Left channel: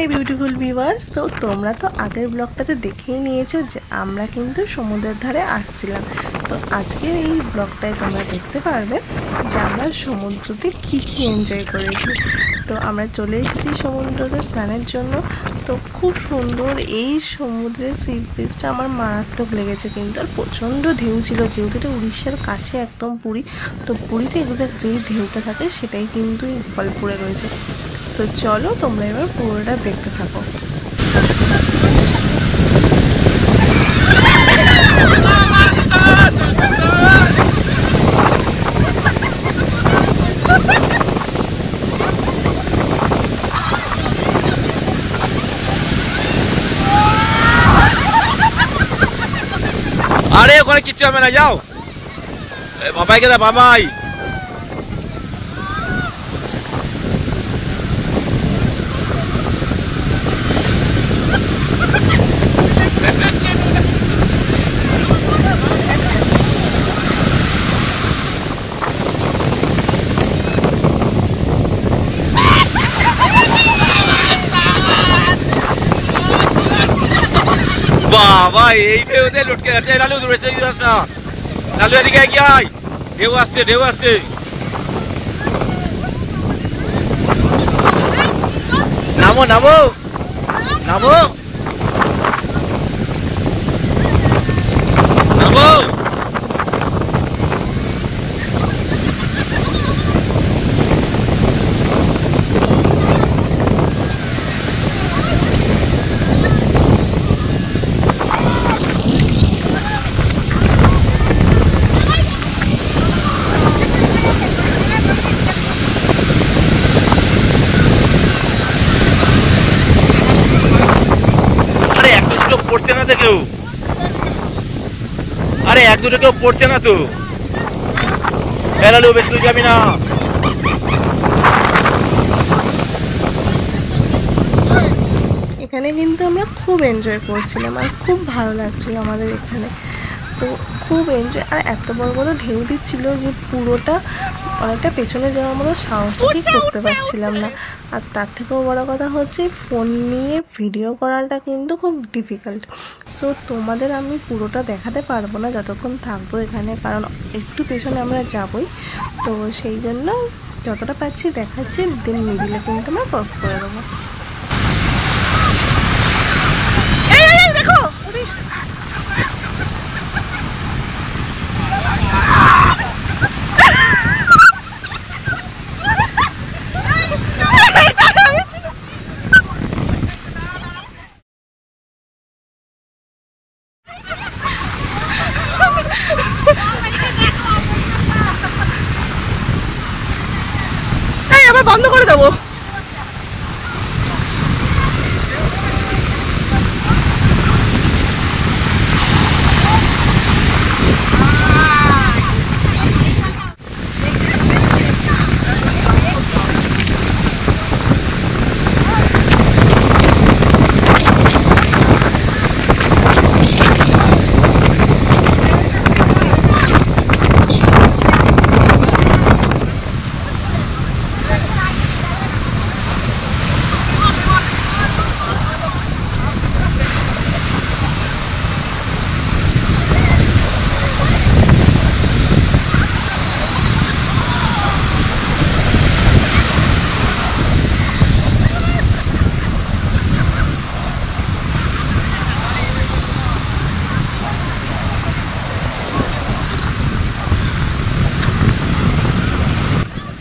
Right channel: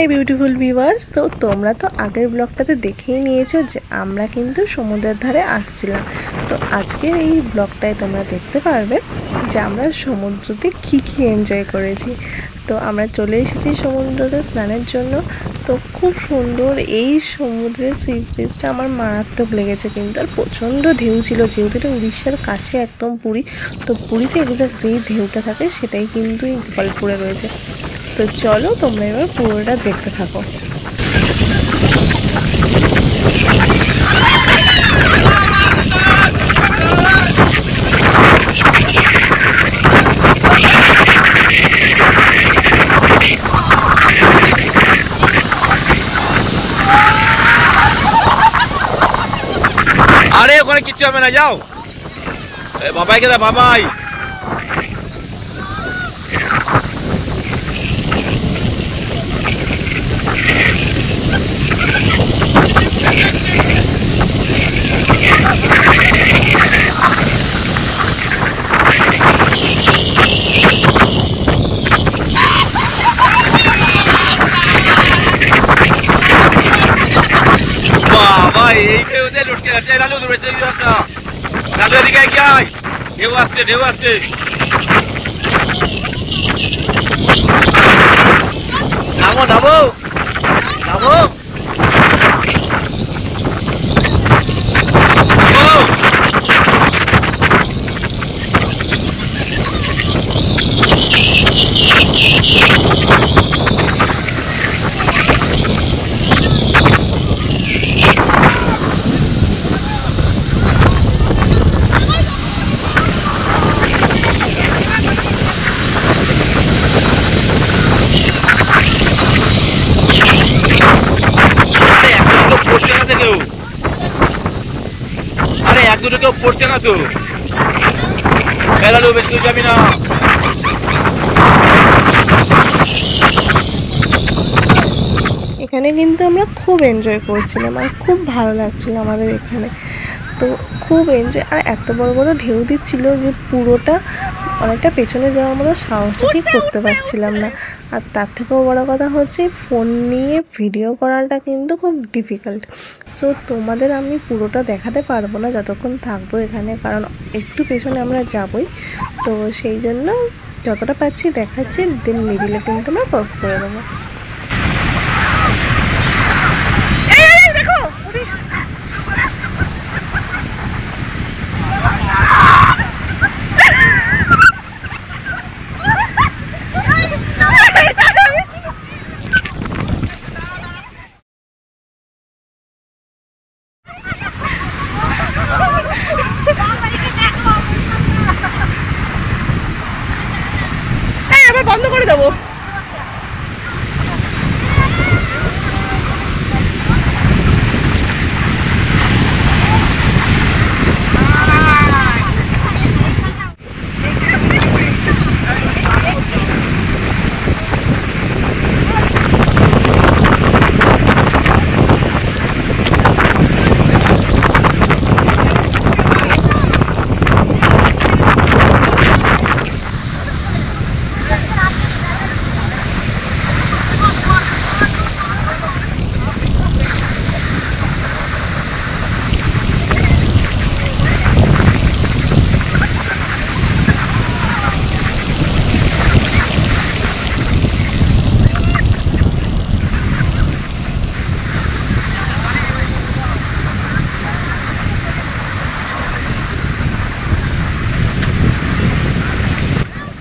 My beautiful viewers. তো তোমরা তো আগের ব্লগটাতে দেখেই নিয়েছো যে আমরা কিন্তু সমুদ্রের ধারে আসছিলাম। তো আজকের এই ব্লগটায় তোমরা দেখতে পারবে যে আমরা সমুদ্রতে কী এনজয় করেছি। তো আমরা চলে এসেছি সমুদ্রতে স্নানের জন্য। তো খুব সুন্দর এই সমুদ্রের সি বিচটা আমার মারাত্মক লেগেছে কিন্তু, আর প্রচণ্ড ঢেউ ছিল, যেহেতু এটা উড়িষ্যার কাছে একদম পুরী। তো পুরীতে এক্সাক্ট যেই ঢেউটা থাকে সেটাই কিন্তু এই গোপালপুরে রয়েছে। তো চলো তোমরা এবার পুরোটা দেখতে থাকো। আরে ওখানে কিচ্ছু হবে না, যাও। বাবাইকে দা, বাবাই বাবা এই ঢেউতে লটকে যাচ্ছে। লালু দূরে যাস না, লালু এদিকে কি আয়, ঢেউ আসছে, ঢেউ আসছে। নামো নামো নামো নামো। পড়ছে না তো কেউ, আরে এক দুটো কেউ পড়ছে না তো। লালু বেশ তুই যাবি না। এখানে কিন্তু আমরা খুব এনজয় করছিলাম আর খুব ভালো লাগছিল আমাদের এখানে। তো খুব এনজয়, আর এত বড় বড় ঢেউ দিচ্ছিল যে পুরোটা অনেকটা পেছনে যাওয়ার মতো সাহসটা ঠিক করতে পারছিলাম না। আর তার থেকেও বড় কথা হচ্ছে ফোন নিয়ে ভিডিও করাটা কিন্তু খুব ডিফিকাল্ট। সো তোমাদের আমি পুরোটা দেখাতে পারবো না যতক্ষণ থাকবো এখানে, কারণ একটু পেছনে আমরা যাবই। তো সেই জন্য যতটা পাচ্ছি দেখাচ্ছি, দেন মিডিলে কিন্তু আমরা পজ করে দেবো। আবার বন্ধ করে দেবো।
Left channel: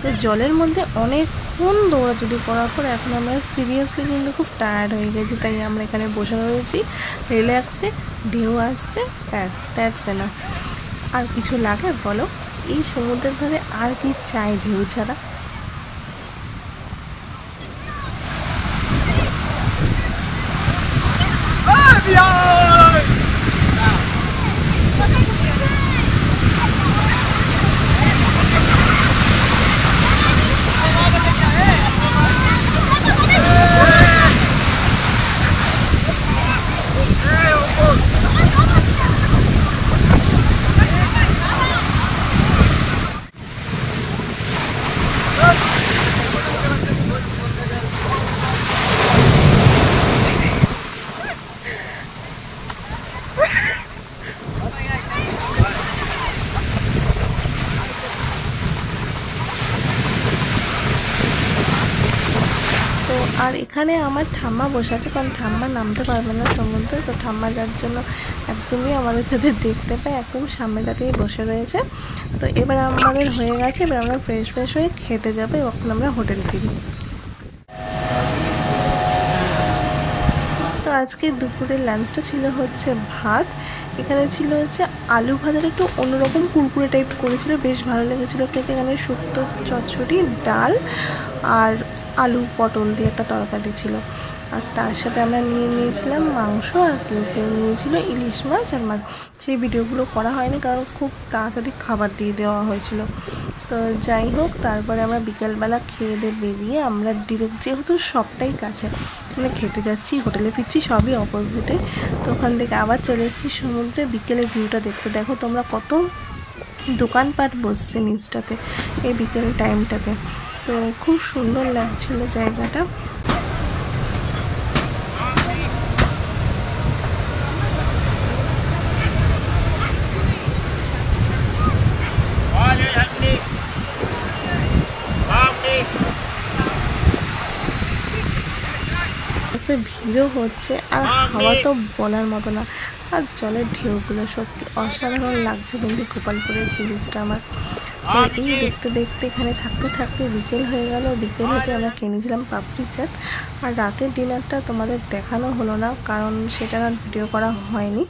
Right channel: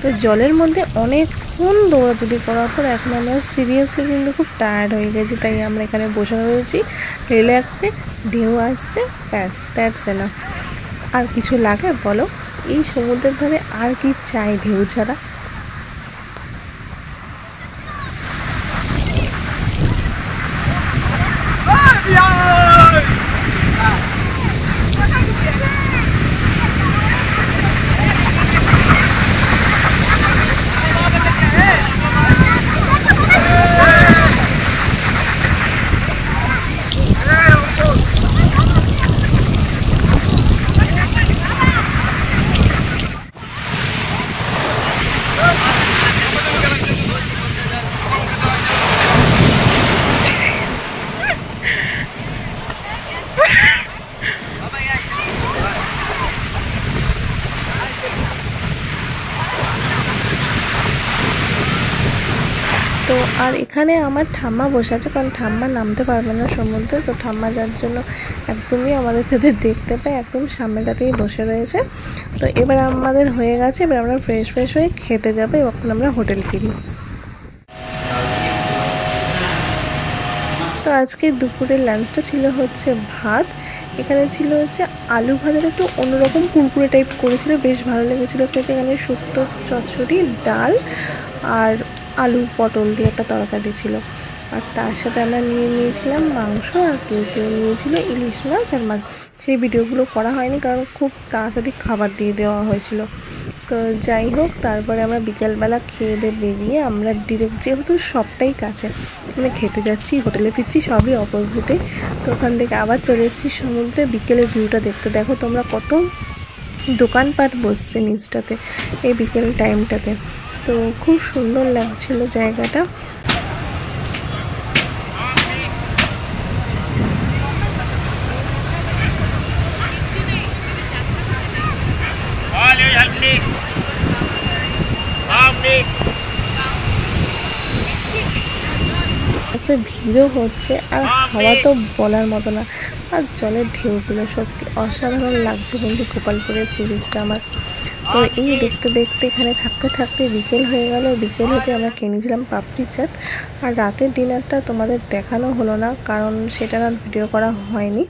তো জলের মধ্যে অনেকক্ষণ দৌড়াদৌড়ি করার পর এখন আমরা সিরিয়াসলি কিন্তু খুব টায়ার্ড হয়ে গেছি, তাই আমরা এখানে বসে রয়েছি রিল্যাক্সে। ঢেউ আসছে, ব্যাস দ্যাটস এনাফ। আর কিছু লাগে বলো? এই সমুদ্রের ধারে আর কি চাই ঢেউ ছাড়া? তো আর এখানে আমার ঠাম্মা বসে আছে, কারণ ঠাম্মা নামতে পারবে না সমুদ্রে। তো ঠাম্মা যার জন্য একদমই আমাদের কাছে দেখতে পায়, একদম সামনেটাতেই বসে রয়েছে। তো এবার আমাদের হয়ে গেছে, এবার আমরা ফ্রেশ হয়ে খেতে যাবো। এখন আমরা হোটেল ফিরি। তো আজকে দুপুরের লাঞ্চটা ছিল হচ্ছে ভাত, এখানে ছিল হচ্ছে আলু ভাজাটা একটু অন্যরকম কুরকুরে টাইপ করেছিল, বেশ ভালো লেগেছিলো খেতে। এখানে শুক্তো চচ্চড়ি, ডাল আর আলু পটল দিয়ে একটা তরকারি ছিল। আর তার সাথে আমরা নিয়েছিলাম মাংস, আর কেউ নিয়েছিল ইলিশ মাছ আর মাছ। সেই ভিডিওগুলো করা হয়নি কারণ খুব তাড়াতাড়ি খাবার দিয়ে দেওয়া হয়েছিল। তো যাই হোক, তারপরে আমরা বিকেলবেলা খেয়ে দিয়ে বেরিয়ে আমরা ডিরেক্ট, যেহেতু সবটাই কাছে, মানে খেতে যাচ্ছি, হোটেলে ফিরছি, সবই অপোজিটে। তো ওখান থেকে আবার চলে এসেছি সমুদ্রে। বিকেলের ভিউটা দেখতে দেখো তোমরা, কত দোকানপাট বসছে নিচটাতে এই বিকেল টাইমটাতে। তো খুব সুন্দর লাগছিল জায়গাটা। ভিড়ও হচ্ছে আর হাওয়া তো বলার মতো না, আর জলের ঢেউগুলো সত্যি অসাধারণ লাগছে কিন্তু গোপালপুরের সি বিচটা আমার। তো এই দেখতে এখানে থাকতে বিকেল হয়ে গেল। বিকেল হতে আমরা কিনেছিলাম পাপড়ি চাট। আর রাতের ডিনারটা তোমাদের দেখানো হলো না, কারণ সেটা আর ভিডিও করা হয়নি।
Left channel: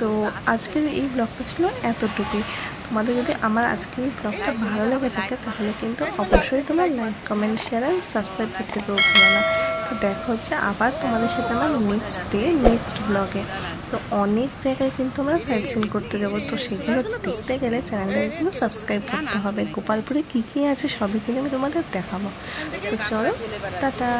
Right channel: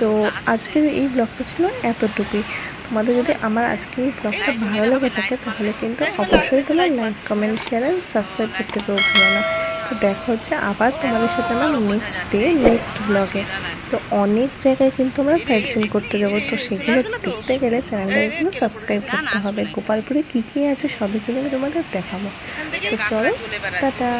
তো আজকের এই ব্লগটা ছিল এতটুকুই। তোমাদের যদি আমার আজকের এই ব্লগটা ভালো লেগে থাকে তাহলে কিন্তু অবশ্যই তোমার লাইক, কমেন্ট, শেয়ার আর সাবস্ক্রাইব করতে ভুলো না। তো দেখা হচ্ছে আবার তোমাদের সাথে আমার নেক্সট ব্লগে। তো অনেক জায়গায় কিন্তু আমরা সাইট সিন করতে যাবো, তো সেগুলো দেখতে গেলে চ্যানেলটাকে কিন্তু সাবস্ক্রাইব করতে হবে। গোপালপুরে কী আছে সবই কিন্তু আমি তোমাদের দেখাবো। তো চলো, টাটা।